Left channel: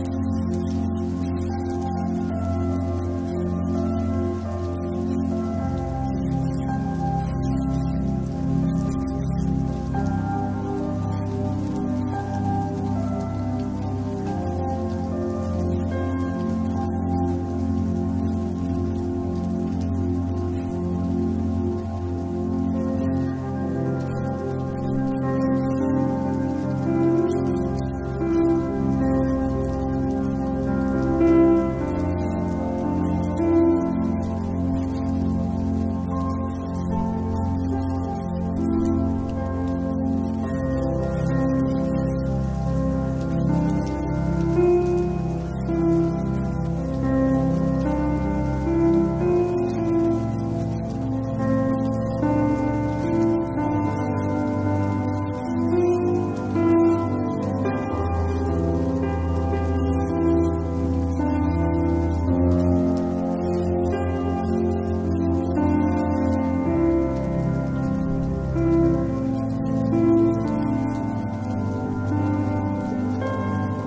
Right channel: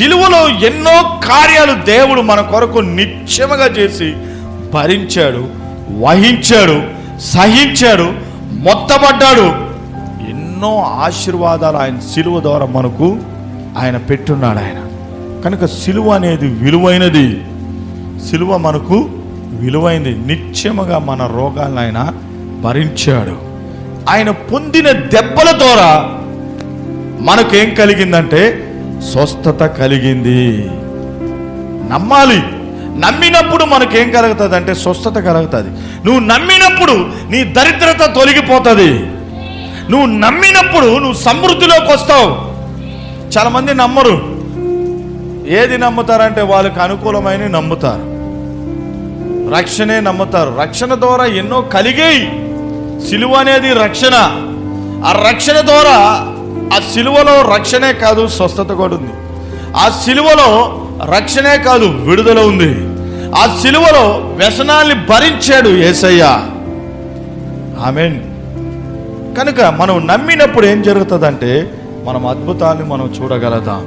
సిలువలో ఎన్నో కార్యాలు దేవుడు మన కొరకు నిత్యముగా చేసి భరించాడు, వహించాడు, సహించాడు, మొత్తపడ్డాడు. ఎన్నో ఆశీర్వాదాలు ఆయన సిలువ ద్వారా మనకు ఆయన పెట్టున్నాడు. ఆయన కనుక సిలువ అనేది విలువైనది. సిలువ మనకు విలువైంది. నిత్యముగా మన రోగాలను ఆయన భరించాడు. ఆయన పొందిన దెబ్బల ద్వారా మనకేం కలిగిందంటే స్వస్థత కలిగింది. నమ్మాలి. నమ్మినప్పుడు మనకేం కలుగుతుంది అంటే స్వస్థత కలుగుతుంది. నువ్వు నమ్మినప్పుడు నీ దరిద్రత తొలగిపోతుంది. నువ్వు నమ్మినప్పుడు నువ్వు సమృద్ధిలోకి వస్తావు. చాలా మంది నమ్మరు. ఏది నమ్ముతారంటే వాళ్ళకి అనుకూలమైన నమ్ముతారు, రక్షణే నమ్ముతారు. రక్షణ ద్వారా ఎన్నో కలిగాయి. సిలువ అనేది రక్షణ. ఆ రక్షణ ద్వారా ఆ సిలువలో రక్షణే కాదు, స్వస్థత కూడా ఉంది. ఆ సిలువలో రక్షణే కాదు, విడుదల ఉంది. ఆ సిలువలో వ్యసనాల్ని భరించాడు యేసయ్య. ఆమేన్. కనుక మనం నమ్మినప్పుడు ఏం జరుగుతుందంటే మనం అద్భుతాన్ని మనం చూడగలుగుతాం.